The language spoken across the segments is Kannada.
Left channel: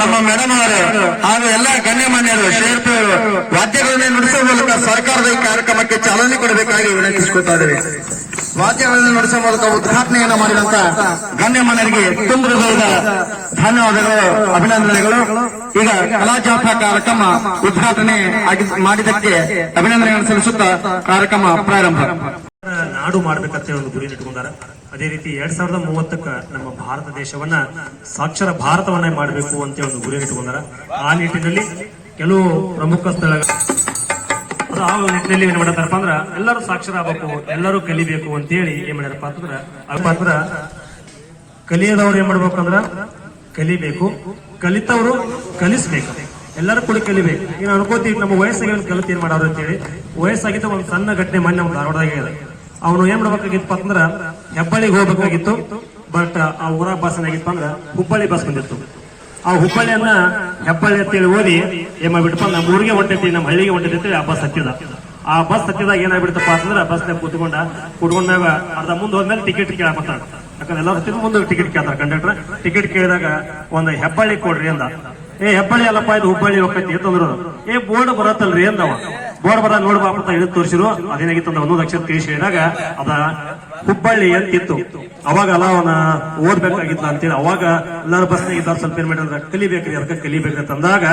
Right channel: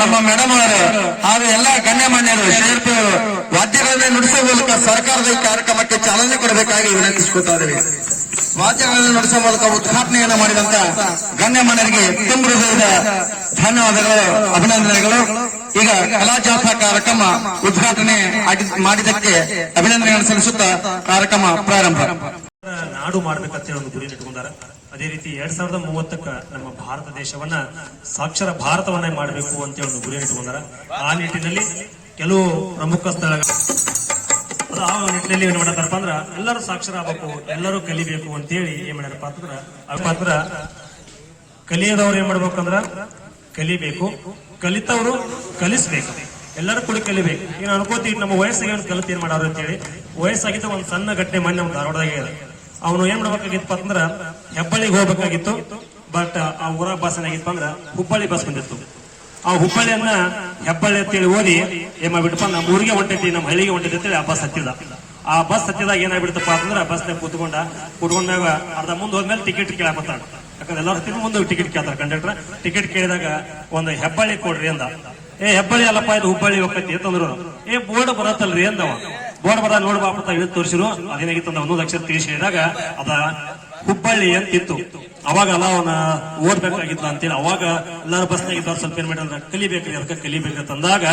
ನಮ್ಮ ಮೇಡಮ್ ಅವರು ಹಾಗೂ ಎಲ್ಲ ಗಣ್ಯಮಾನ್ಯರು ಶ್ರೀಯುತ ವಾದ್ಯಗಳನ್ನೇ ನುಡಿಸುವ ಮೂಲಕ ಸರ್ಕಾರದ ಈ ಕಾರ್ಯಕ್ರಮಕ್ಕೆ ಚಾಲನೆ ಕೊಡಬೇಕಾಗಿ ವಿನಂತಿಸಿಕೊಳ್ತಾ ಇದ್ದೇವೆ. ವಾದ್ಯಗಳನ್ನು ನುಡಿಸುವ ಮೂಲಕ ಉದ್ಘಾಟನೆಯನ್ನು ಮಾಡಿದಂತ ಗಣ್ಯಮಾನ್ಯರಿಗೆ ಹೃದಯದ ಧನ್ಯವಾದಗಳು, ಅಭಿನಂದನೆಗಳು. ಈಗ ಕಲಾ ಕಾರ್ಯಕ್ರಮ ಉದ್ಘಾಟನೆ ಮಾಡಿದಕ್ಕೆ ಅಭಿನಂದನೆಗಳನ್ನು ಸಲ್ಲಿಸುತ್ತಾ ಕಾರ್ಯಕ್ರಮ ಪ್ರಾರಂಭ. ನಾಡು ಮಾಡ್ಬೇಕಂತ ಹೇಳಿ ಗುರಿ ಇಟ್ಕೊಂಡಾರ ಅದೇ ರೀತಿ ಎರಡ್ ಸಾವಿರದ ಮೂವತ್ತಕ್ಕ ನಮ್ಮ ಭಾರತ ದೇಶವನ್ನ ಸಾಕ್ಷರ ಭಾರತವನ್ನೇ ಮಾಡಬೇಕು ಅಂತ ಒಂದು ಗುರಿ ಇಟ್ಕೊಂಡಾರ. ಆ ನಿಟ್ಟಿನಲ್ಲಿ ಕೆಲವು ಪ್ರಮುಖ ಸ್ಥಳಗಳು ಆ ನಿಟ್ಟಿನಲ್ಲಿ ಏನ್ ಮಾಡಪ್ಪ ಅಂದ್ರ ಎಲ್ಲರೂ ಸಾಕ್ಷರ ಆಗಬೇಕು ಎಲ್ಲರೂ ಕಲಿಬೇಕು ಅಂತ ಹೇಳಿ ಏನ್ ಮಾಡ್ಯಾರಪ್ಪ ಅಂತಂದ್ರ ಅಂದ್ರ ಕಲಿಯದವ್ರು ಏನ್ ಮಾಡ್ಬೇಕಂದ್ರ ಕಲಿಬೇಕು, ಕಲಿತವರು ಕಲಿಸ್ಬೇಕು. ಎಲ್ಲರೂ ಕೂಡ ಕಲಿಬೇಕು. ಈಗ ಅನ್ಕೋತೀವಿ ನಮ್ಮ ವಯಸ್ಸಿಗೆ ಒಂದು ಕಲಿತ ಏನ್ ಮಾಡೋರು ಅಂತೇಳಿ ವಯಸ್ಸಾಗಿದ್ದ ಒಂದು ಸಣ್ಣ ಘಟನೆ ಮೊನ್ನೆ ಧಾರವಾಡದಾಗ ಅವನು ಏನ್ ಮಾಡ್ಬೇಕಾಗಿತ್ತು ಅಂದ್ರೆ ಹೆಬ್ಬಳ್ಳಿಗೆ ಹೋಗ್ಬೇಕಾಗಿತ್ತು ಬಟ್ ಆ ಊರ ಬಸ್ ಏನಾಗಿತ್ತು ಅಂದ್ರೆ ಹುಬ್ಬಳ್ಳಿ ಬಸ್ ಬಂದಿತ್ತು. ಆ ಹುಬ್ಬಳ್ಳಿಯನ್ನ ಹೆಬ್ಬಳ್ಳಿ ಅಂತೇಳಿ ಓದಿ ಏನ್ ಮಾಡ್ಬಿಟ್ಟು ನಮ್ಮ ಊರಿಗೆ ಹೊಂಟೈತಿ, ನಮ್ಮ ಹಳ್ಳಿಗೆ ಹೊಂಟೈತಿ ಅಂತೇಳಿ ಆ ಬಸ್ ಹತ್ತಿದ. ಆ ಬಸ್ ಹತ್ತಿದಾಗ ಏನಾಗ್ಬಿಡ್ತಪ್ಪ ಅಂತಂದ್ರೆ ಬಸ್ನಾಗ ಕೂತ್ಕೊಂಡ, ಕೂತ್ಕೊಂಡಾಗ ಅರ್ಧ ಮುಂದೆ ಹೋದ್ಮೇಲೆ ಟಿಕೆಟ್ ಕೇಳಾಕತ್ತಾಳ ಯಾಕಂದ್ರೆ ಎಲ್ಲರೂ ಹತ್ತಿರ ಮುಂದೆ ಟಿಕೆಟ್ ಕೇಳ್ತಾರೆ ಕಂಡಕ್ಟರ್ ಟಿಕೆಟ್ ಕೇಳಿದಾಗ ಒಂದು ಹೆಬ್ಬಳ್ಳಿ ಕೊಡ್ರಿ ಅಂದ. ಏ ಹೆಬ್ಬಳ್ಳಿ ಅಲ್ಲಪ್ಪ, ಇದು ಹುಬ್ಬಳ್ಳಿ ಹೋಗ್ತೈತಿ ಅಂತಂದ್ರು. ಏ ಬೋರ್ಡ್ ಬರತ್ತಲ್ರಿ ಅಂದವ. ಬೋರ್ಡ್ ಬರ, ನೋಡ್ಬಾ ಅಂತ ಹಿಡಿದು ತೋರಿಸಿರು. ಅದೇನಾಗಿತ್ತು ಅಂದ್ರೆ ಒಂದೊಂದು ಅಕ್ಷರ ತಿಳಿಸಿ ಹೇಳಿದಾಗ ಅದ ಹುಬ್ಬಳ್ಳಿ ಅಂತಿತ್ತು ಅವಾಗ ಅಲ್ಲ ಅವನ ಓದ್ಬೇಕಾಗಿತ್ತ ಅಂತೇಳಿ ಅವಾಗ ಎಲ್ಲಾರು ಬಸ್ನಾಗ ಇದ್ದಾರ ಸ್ವಲ್ಪ ಏನ್ ಮಾಡಿದ್ರೆ ಕಲಿಬೇಕ್ರಿ ಅದಕ್ಕೆ ಕಲಿಬೇಕ್ರಿ ಅಂತ ಅಂದಾಗ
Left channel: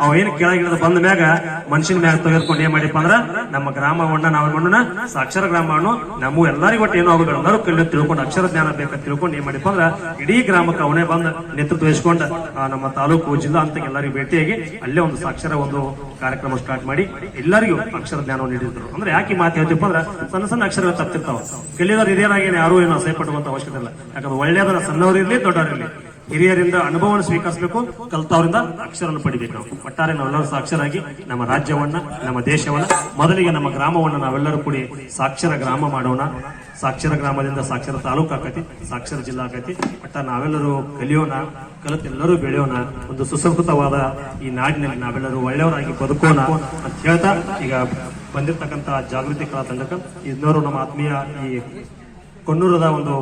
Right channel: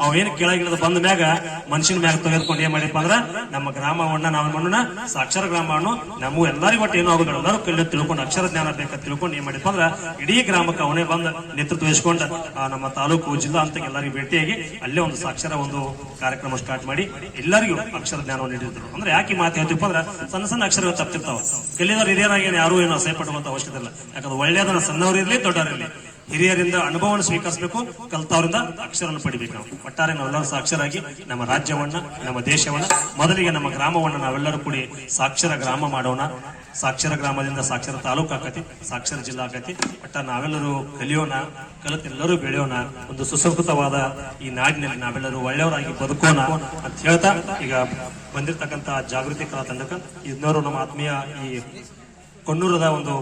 ಅವ ಏನ್ ಕೆಳಗಿಳಿದ ಬಂದ ಮ್ಯಾಗ ಮನುಷ್ಯನ ಮ್ಯಾಗ ತೆಗೆದುಕೊಂಡು ಏನ್ ಮಾಡಿಪ್ಪ ಅಂದ್ರ, ನಮ್ಮ ಗ್ರಾಮವನ್ನ ನಾವು ಮಾಡೋಣ ಸಾಕ್ಷರ ಗ್ರಾಮವನ್ನು ನಮಗೂ ಎಲ್ಲರಿಗೂ ಒಟ್ಟು ಏನೋ ಅವ್ರು ಎಲ್ಲರೂ ಕಲಿ ತಿಳ್ಕೊಂಡು ಅಕ್ಷರ ಜ್ಞಾನ ಬೇಕಂತ ತಿಳ್ಕೊಂಡು ಏನ್ ಮಾಡಿಪ್ಪ ಅಂದ್ರ, ಇಡೀ ಗ್ರಾಮಕ್ಕೆ ಅವನೇ ಬಂದ ನೇತೃತ್ವ ವಹಿಸ್ಕೊಂಡು ನಮ್ಮ ತಾಲೂಕು ಜಿಲ್ಲಾ ಅಂತ ಎಲ್ಲರಿಗೂ ಭೇಟಿಯಾಗಿ ಅಲ್ಲೇ ಒಂದು ಸಾಕ್ಷರ ಒಂದು ಕಾರ್ಯಕ್ರಮ ಸ್ಟಾರ್ಟ್ ಮಾಡಿ ಎಲ್ಲರಿಗೂ ಅಕ್ಷರ ಜ್ಞಾನವನ್ನು ನೀಡಿದ್ರು. ಅಂದ್ರೆ ಯಾಕೆ ಮಾತು ಹೇಳ್ತೀವಿ ಅಂದ್ರೆ, ಸಣ್ಣ ಸಣ್ಣ ಅಕ್ಷರಗಳು ತಪ್ಪಿರ್ತಾವ ಕಲಿಯೋರು ಹಿರಿಯರಾಗಿ ಯಾರು ಏನು ಅಸಹ್ಯಪಡುವಂತ ಅವಶ್ಯಕತೆ ಇಲ್ಲ. ಯಾಕಂದ್ರೆ ಒಳ್ಳೆಯದನ್ನ ಸಣ್ಣವರಿರ್ಲಿ ದೊಡ್ಡವರಿರ್ಲಿ ಹಿರಿಯರಿಂದ ಅನುಭವವನ್ನು ಸ್ವೀಕರಿಸಬೇಕು, ಕಲ್ತವರಿಂದ ಅಕ್ಷರವನ್ನು ಪಡಿಬೇಕು ಒಟ್ಟಾರೆ ನಾವೆಲ್ಲರೂ ಸಾಕ್ಷರಾಗಿ ನಮ್ಮ ರಾಜ್ಯವನ್ನ, ನಮ್ಮ ದೇಶವನ್ನ, ಮೊದಲಿಗೆ ನಮ್ಮ ಗ್ರಾಮವನ್ನ ನಾವೆಲ್ಲರೂ ಕೂಡಿ ಸಾಕ್ಷರ ಗ್ರಾಮ ಮಾಡೋಣ. ಸಾಕ್ಷರ ಗ್ರಾಮದಿಂದ ಸಾಕ್ಷರ ತಾಲೂಕು ಆಕತಿ, ಸಾಕ್ಷರ ಜಿಲ್ಲಾ ಆಕತಿ. ಒಟ್ಟ ನಾವೆಲ್ಲರೂ ಕಲಿಯೋಣ, ಕಲಿತೆಲ್ಲರೂ ಬೆಳೆಯೋಣ. ಒಂದು ಸುಸಂಸ್ಕೃತವಾದ ಈ ನಾಡಿನಲ್ಲಿ ನಾವೆಲ್ಲರೂ ಒಳ್ಳೆಯವರಾಗಿ ಬದುಕೋಣ ಅಂತ ಹೇಳ್ತಾ ಈಗ ಬಂದಿರತಕ್ಕಂತಹ ಜಾಗೃತಿ ಕಲಾ ತಂಡಕ ಇನ್ನೋರು ನಮ್ಮ ಆತ್ಮೀಯ ಈ ಕೊಣ್ಣೂರದ ಒಂದು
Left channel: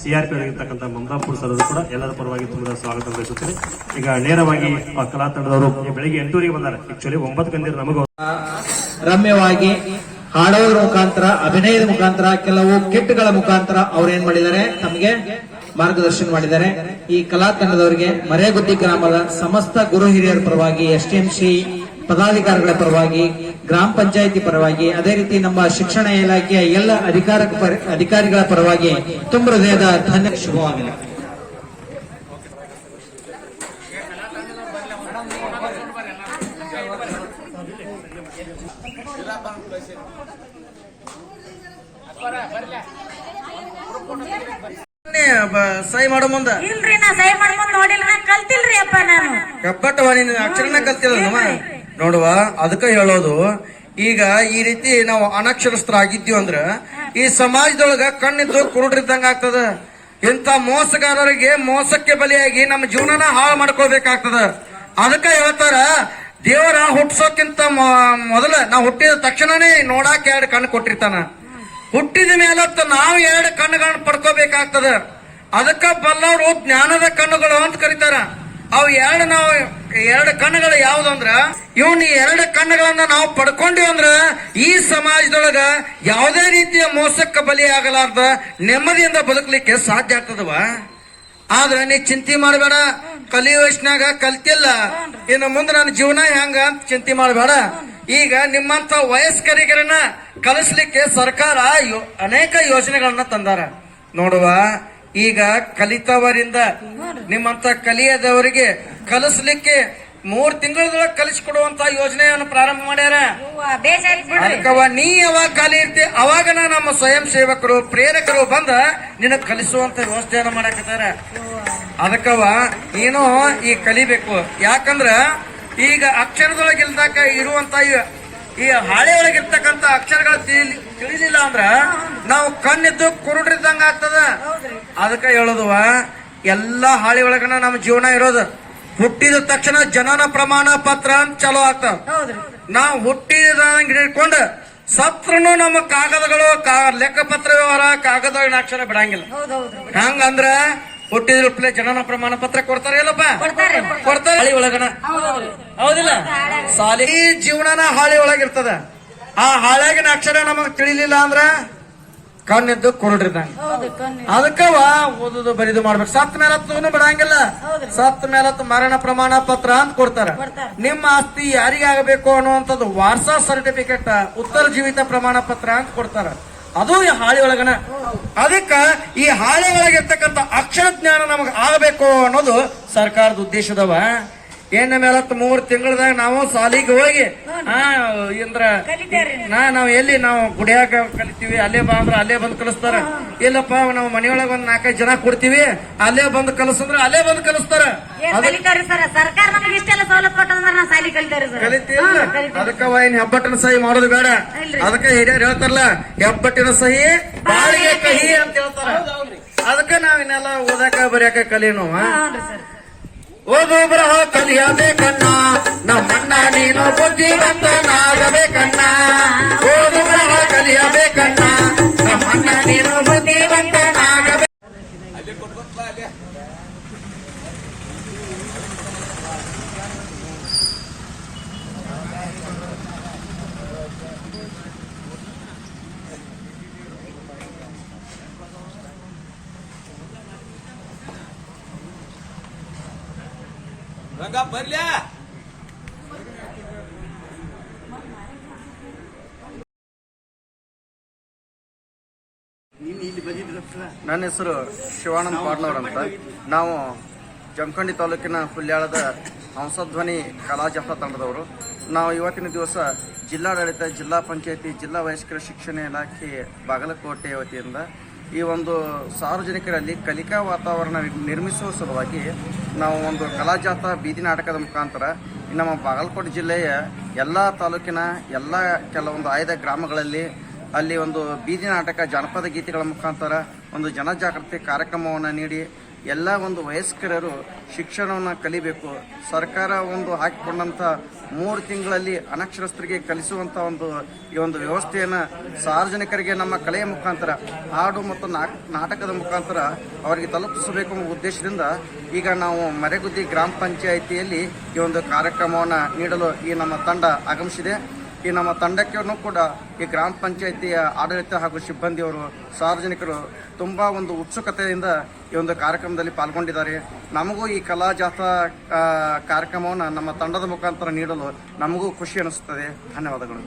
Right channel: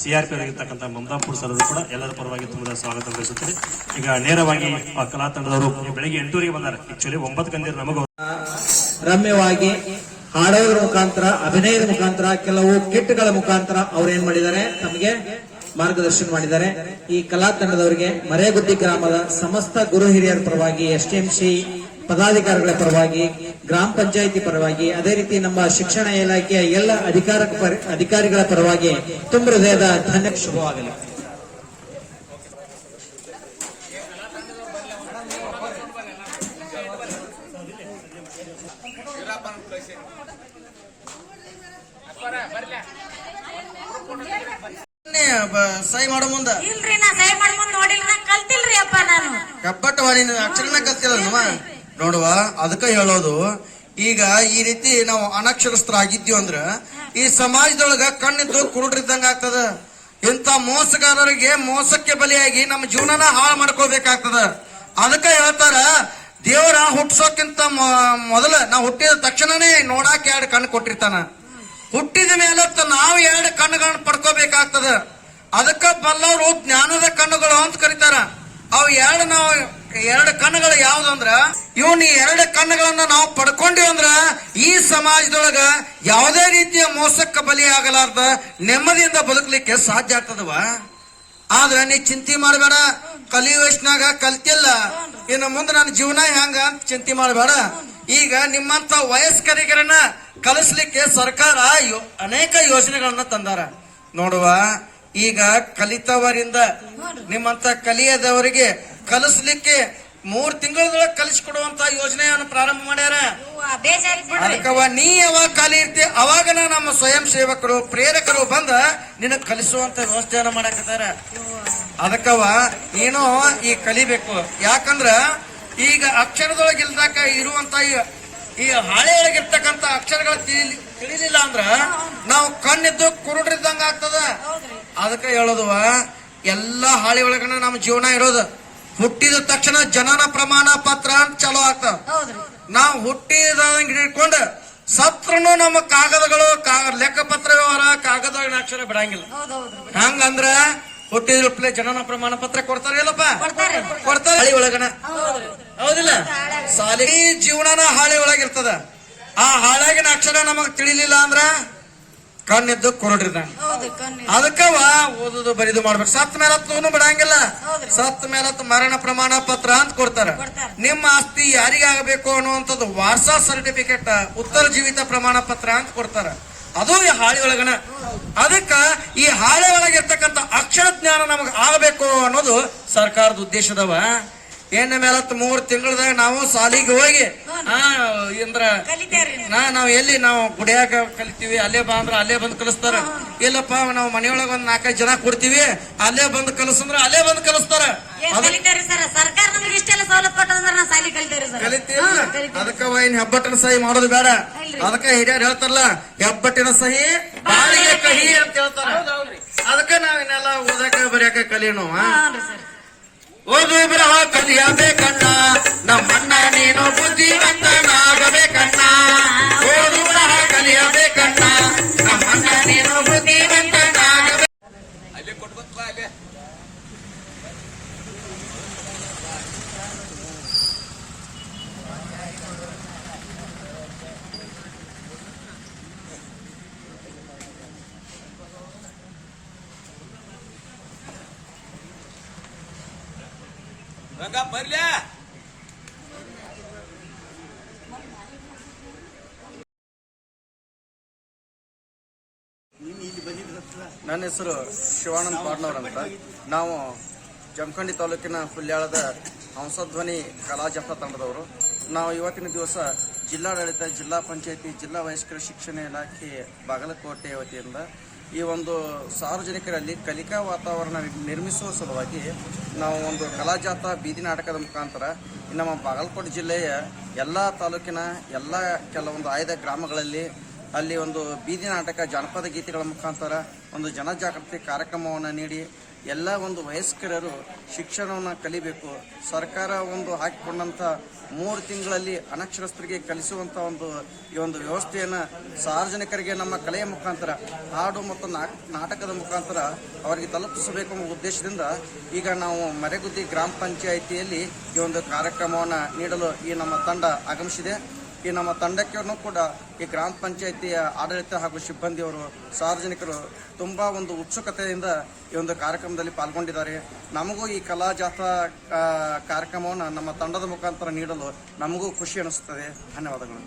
ಸಿ ಆರ್ ಪಿ ಆಗಿರ್ತಕ್ಕಂಥ ಮಮತಾಪುರ್ ಸರ್ ಕೂಡ ಎಲ್ಲರ ಪರವಾಗಿ ತುಂಬ ಸ್ವಾಗತ ಬಯಸುತ್ತೇನೆ ಈಗ ನೇರವಾಗಿ ಕಲಾ ತಂಡದವರು ಬೆಳಿಗ್ಗೆ ಎಂಟೂರಿಗೆ ಬಂದಾರೆ. ಆಕ್ಚುಲಿ ಒಂಬತ್ತು ಗಂಟೆ ನಮಗೂ ರಮ್ಯವಾಗಿ ಹಾಡೋದ್ರ ಮುಖಾಂತರ, ಅಭಿನಯದ ಮುಖಾಂತರ, ಕೆಲವು ಕಿಟ್ಗಳ ಮುಖಾಂತರ ಅವ್ರು ಏನ್ ಮಾಡಿದ್ದಾರೆ? ತಮಗೆ ಮಾರ್ಗದರ್ಶನ ಮಾಡಿದ್ದಾರೆ. ಈ ಕಲಾ ತಂಡದವರಿಗೆ ಮರೇಗುದ್ದಿ ಗ್ರಾಮದ ಸಮಸ್ತ ಗುರು ಹಿರಿಯರ ಪರವಾಗಿ ಎಸ್ ಪದಾಧಿಕಾರಿಗಳ ಪರವಾಗಿ ಗ್ರಾಮ ಪಂಚಾಯಿತಿ ಪರವಾಗಿ ಅದೇ ರೀತಿ ನಮ್ಮ ಶಿಕ್ಷಣ ಇಲಾಖೆಯ ಎಲ್ಲ ಅಧಿಕಾರ ಅಧಿಕಾರಿಗಳ ಪರವಾಗಿ ತುಂಬ ಹೃದಯದ ಧನ್ಯ ಶುಭವಾಗಲಿ. ಸಹಿ ಮಾಡೋ ಮುಂದ. ಇಲ್ರಿ ನಾ ಸಹಿ ಮಾಡ್ಕೊಂಡ್ ನೋಡಿಲ್ರಿ ನಾ ಕಲ್ತಿಲ್ರಿ ಅಪ್ಪ ನಾನು. ನೀನು ಅಕ್ಷರನ ಕಲ್ತಿಲ್ಲ ನೋಡುವ, ಅದಕ್ಕೆ ಹೇಳೋದು, ಈಗ ಈ ರೀತಿ ನಾವು ಅನಕ್ಷರಸ್ಥರಾಗಿದ್ದೀವಿ ಅಂದ್ರ, ಈ ಸಮಾಜದೊಳಗ ಕಣ್ಣಿದ್ದು ಕುರುಡ್ರಿದ್ದಂಗ ಆಗ್ತದ. ಇಂಥ ಮೋಸಗಾರರಿಗೆ ಮೋಸಕ್ಕೆ ಬಲಿಯಾಗಿ ನಮ್ಮ ಜೀವನನ ಹಾಳು ಮಾಡ್ಕೋಬೇಕಾಗ್ತದ ಅದಕ್ಕೆ ಹೇಳ್ತಾರ, ದೇವರ ಹುಟ್ಸೋಕ್ಕಿಂತ ಮೊದಲ ನಾವು ಹುಟ್ಟಿದ ತಕ್ಷಣನೇ ನೋಡಾಕ ಎರಡು ಕಣ್ಣು ಕೊಟ್ಟಿರ್ತಾನ. ಹುಟ್ಟಿದ ಮೇಲತ್ತ ನಾವು ಎರಡು ಕಣ್ಣುಗಳನ್ನ ಪಡ್ಕೋಬೇಕಾಗ್ತದ. ಅದಕ್ಕ ಬಲ್ಲವರು ಜ್ಞಾನದ ಕಣ್ಣುಗಳು ಅಂತ ಕರೀತಾರ. ಅವು ಎರಡು ನಾವು ಎರಡು ಕಣ್ಣುಗಳು ಯಾವ್ದಂದ್ರ ಇವನ್ ಎರಡು ಕಣ್ಣುಗಳನ್ನ ನಾವು ಪಡ್ಕೊಂಡಿವಿ ಅಂದ್ರ ಈ ಸಮಾಜದೊಳಗ ಯಾವುದೇ ರೀತಿಯ ಮೋಸಕ್ಕೆ ಬಲಿಯಾಗಲಾರ್ದ ನೆಮ್ಮದಿಯಿಂದ ಬದುಕಲಿಕ್ಕೆ ಸಾಧ್ಯ ಆಗ್ತದವ? ಆದ್ರ ನೀ ಚಿಂತೆ ಮಾಡಬೇಡ ಕಲಿಯುವಷ್ಟಾಗ ಕಲ್ತಿಲ್ಲ, ಇನ್ನು ಮುಂದೆ ನನ್ನ ಜೀವನ ಹೆಂಗ ಅಂತ ಚಿಂತೆ ಮಾಡಬೇಡ. ಈಗ ನಿಮ್ಮಂತ ವಯಸ್ಕರಿಗರನ್ನ ಕಲಿಸ್ಲಿಕ್ಕೆ ಸರ್ಕಾರ ಅನೇಕ ಯೋಜನೆಗಳನ್ನ ತಂದಾರ. ನೋಡುವ ಈಗ ಕಲಿತವರಿಂದ ನಿಮ್ಮಂತ ಕಲಿಯದವರಿಗೆ ಕಲಿಸ್ಲಿಕ್ಕೆ ಮೂರ್ ತಿಂಗಳದೊಳಗೆ ಕಲಿಸ್ಕೊಡುವಂತ ಯೋಜನೆಯನ್ನು ಪ್ರಾರಂಭ ಮಾಡ್ಯಾರ. ಅದಕ್ಕವ ನೀ ಯಾವಾಗ ಖಾಲಿ ಇರ್ತಿ ಅವಾಗ ನಮ್ಮ ಸ್ವಯಂ ಸೇವಕರು ಪ್ರೇರಕರು ಬಂದ ನಿನ್ನ ಕಲಿಸುವಂತ ವ್ಯವಸ್ಥೆಯನ್ನು ಮಾಡಕತ್ತಾರ. ಅದಕ್ಕವ ಏನೋ ಈ ಕಲಿಬೇಕು. ಯಾಕಂದ್ರ ಈಗ ಅಕ್ಷರದೊಳಗೆ ಇಲ್ದಾಕ ಇರುವಂತ ಈ- ಈ ಹಾಳೆ ಒಳಗಿರ್ತಕ್ಕಂತ ಅಕ್ಷರಗಳು ತಿಳಿ ತಿಳಿಲಿಲ್ಲ ಅಂದ್ರ ನಾವು ಕಣ್ಣಿದ್ದು ಕುರುಡ್ರಿದ್ದಂಗ ಆಗ್ತದ. ಅದಕ್ಕೆ ಹೇಳೋದುವ ಎಲ್ಲ ಹಾಳಿ ಒಳಗನ ನಮ್ಮ ಜೀವನ ಇರೋದು. ಹುಟ್ಟಿದ ತಕ್ಷಣ ಜನನ ಪ್ರಮಾಣ ಪತ್ರ ಅಂತ ಚಲೋ ಆಗ್ತಾವ. ನಾವು ಹುಟ್ಟಿದ ಹಿಡ್ಕೊಂಡು ಸತ್ರನು ನಮ್ಮ ಕಾಗದಗಳು ಲೆಕ್ಕಪತ್ರ ವ್ಯವಹಾರ ಕಾಗದ ಅಕ್ಷರ ಬಿಡಂಗಿಲ್ಲ. ಹೆಂಗಂದ್ರ ಹುಟ್ಟಿದ್ರಪ್ಲೆ ಜನನ ಪ್ರಮಾಣ ಪತ್ರ ಕೊಡ್ತಾರೆ ಇಲ್ಲಪ್ಪ ಕೊಡ್ತಾರೆ. ಹಳಿ ಒಳಗನ? ಹೌದಿಲ್ಲ? ಸಾಲಿ ಜೀವನನ ಹಾಳಿ ಒಳಗಿರ್ತದ. ಆ ಹಾಳಾಗಿನ ಅಕ್ಷರ ನಮಗ್ ತಿಳಿಲಿಲ್ಲ ಅಂದ್ರ ಕಣ್ಣಿದ್ದು ಕುರುಡ್ರಿ ಕಣ್ಣು ಅದಕ್ಕವ ಓದುದು ಬರಿದು ಮಾಡ್ಬೇಕು. ಸತ್ ಮೇಲತ್ತು ಬಿಡಂಗಿಲ್ಲ. ಸತ್ ಮೇಲತ್ತು ಮರಣ ಪ್ರಮಾಣ ಪತ್ರ ಅಂತ ಕೊಡ್ತಾರ. ಕೊಡ್ತಾರ. ನಿಮ್ಮ ಆಸ್ತಿ ಯಾರಿಗಾಗಬೇಕು ಅನ್ನುವಂಥದ್ದು ವಾರ್ಸಾ ಸರ್ಟಿಫಿಕೇಟ್ ಉತ್ತರ ಜೀವಿತ ಪ್ರಮಾಣ ಪತ್ರ ಅಂತ ಕೊಡ್ತಾರ. ಅದು ಈ ಹಾಳೆ ಒಳಗನ. ಅದಕ್ಕ ಈ ಹಾಳೆ ಒಳಗೆ ಇರ್ತಕ್ಕಂಥ ಅಕ್ಷರ ಜ್ಞಾನ ನಮಗೆ ಆಗಬೇಕು ಅನ್ನೋದು ಸರ್ಕಾರದ ಉದ್ದೇಶದವ. ಏನ ಮೇಲೆತ್ತು ಮೂರು ತಿಂಗಳದಾಗ ನಾವು ಸಾಲಿಗೆ ಹೋಗಿ ಇಂದ್ರ ನಾ ನಾವ್ ಎಲ್ಲಿ ನಾವು ಗುಡಿಯಾಕ ಕಲಿತೀವಿ ಅಲ್ಲೇ ಬಾ ಅಂದ್ರ ಅಲ್ಲೇ ಬಂದು ಕಲಿಸ್ತಾರ. ಇಲ್ಲಪ್ಪ ನಾವು ಮನೆಯೊಳಗ ಒಂದ್ ನಾಲ್ಕೈದು ಜನ ಕೊಡ್ತೀವಿ ಅಲ್ಲೇ ಬಂದು ಕಲಿಸಂದ್ರ ಅಲ್ಲೇ ಬಂದು ಕಲಿಸ್ತಾರ. ಕಲಿತೀವಿ. ಅದಕ್ಕ ಏನ್ ಹೆಬ್ಬಟ್ಟಿನ ಸಹಿ ಮಾಡೋದು ಬೇಡ. ಅದಕ್ಕ ಹಿರಿಯರು ಹೇಳ್ತಾರಲ್ಲ ಹೆಬ್ಬಟ್ಟಿನ ಸಹಿ ಬಾಳಿಗೆ ಕಹಿ ಅಂತ ಹೇಳ್ತಾರ. ಅದಕ್ಕ ನಾವ್ ಇನ್ನೆಲ್ಲ ಓದಾಕ ಬರೆಯಾಕ ಕಲೀನು ಆ? ಹೌದ್ರಿ ಕಣ್ಣ ಓದು ಬರಹ ಕಲಿಯಬೇಕಣ್ಣ ನಮ್ಮಣ್ಣ ನೀನು ಬುದ್ಧಿವಂತನಾಗಬೇಕಣ್ಣ ನನ್ನ ಹೆಸರು ಶಿವಾನಂದ್ ಪಾಡ್ನವ್ರ ಅಂತ. ನಾವು ಜಮಖಂಡಿ ತಾಲೂಕಿನ ಹುಲ್ಯಾಳದ ಹಂಸಧ್ವನಿ ಕಲಾ ಜಾಥಾ ತಂಡದವರು. ನಾವು ಇವತ್ತಿನ ದಿವಸ ಜಿಲ್ಲಾಡಳಿತ, ಜಿಲ್ಲಾ ಪಂಚಾಯತಿ, ಜಿಲ್ಲಾ ವಯಸ್ಕರ ಶಿಕ್ಷಣ ಇಲಾಖೆ ಬಾಗಲಕೋಟೆ ವತಿಯಿಂದ ಈ ಒಂದು ಸಾರ್ವಜನಿಕರಲ್ಲಿ ಕಲಿಕಾ ವಾತಾವರಣ ನಿರ್ಮಿಸುವ ಸಲುವಾಗಿ ನಾವು ಒಂದು ಕಲಾಜಾತ ಬೀದಿ ನಾಟಕದ ಮುಖಾಂತರ ನಮ್ಮ ಬಾಗಲಕೋಟೆ ಜಿಲ್ಲೆಯ ಎಲ್ಲ ತಾಲೂಕಿನ ಎಲ್ಲ ಕೆಲವೊಂದು ಆಯ್ದ ಗ್ರಾಮಗಳಲ್ಲಿ ಅಲ್ಲಿ ಒಂದು ಬೀದಿ ನಾಟಕ ಜಾನಪದ ಗೀತೆಗಳ ಮುಖಾಂತರ ಒಂದು ಜನಜಾಗೃತಿ ಕಾರ್ಯಕ್ರಮವನ್ನು ನೀಡಿ ಎಲ್ಲ ಒಂದು ವಯಸ್ಕರರು ಶಿಕ್ಷಣವನ್ನು ಕಲಿಬೇಕು. ಸರ್ಕಾರ ಒಂದು ಹಾಕಿಕೊಂಡಂಥ ಮೂರು ತಿಂಗಳಲ್ಲಿ ಅನಕ್ಷರಸ್ಥರಿಗೆ ಕಲಿಸುವಂಥ ಒಂದು, ಈ ಒಂದು ವ್ಯವಸ್ಥೆಯನ್ನು ಸಾರ್ವಜನಿಕರಿಗೆ ನಮ್ಮ ಕಲೆಯ ಮುಖಾಂತರ, ಹಾಡು ಮತ್ತು ನಾಟಕದ ಮುಖಾಂತರ ಅವರಿಗೆ ತಲುಪಿಸಬೇಕು ಎಂಬ ಉದ್ದೇಶದಿಂದ ಈಗ ನಾವು ಮರೆಗುದ್ದಿ ಗ್ರಾಮ ಪಂಚಾಯಿತಿಯಲ್ಲಿ ಈ ಒಂದು ಕಾರ್ಯಕ್ರಮವನ್ನು ನೀಡಲು ಈ ನಮ್ಮ ತಂಡ ಆಗಮಿಸಿದೆ. ಈ ನಮ್ಮ ತಂಡಕ್ಕೆ ಕೂಡ ಈ ಗ್ರಾಮ ಪಂಚಾಯಿತಿಯ ಆಡಳಿತ ಹಾಗೂ ಸಿಬ್ಬಂದಿಯವರು, ಸಾರ್ವಜನಿಕರು ತುಂಬಾ ಒಂದು ಉತ್ಸುಕತೆಯಿಂದ ಈ ಒಂದು ಕಾರ್ಯಕ್ರಮದಲ್ಲಿ ಪಾಲ್ಗೊಂಡಿದ್ದಾರೆ. ನಮಗೂ ಈ ಕಲಾ ಜಾಥಾ ಕಾರ್ಯಕ್ರಮವನ್ನು ನಮ್ಮ ತಂಡದ ಮುಖಾಂತರ ನೀಡಲು ನಮಗೂ ಖುಷಿ ಅನಿಸುತ್ತದೆ. ಧನ್ಯವಾದಗಳು.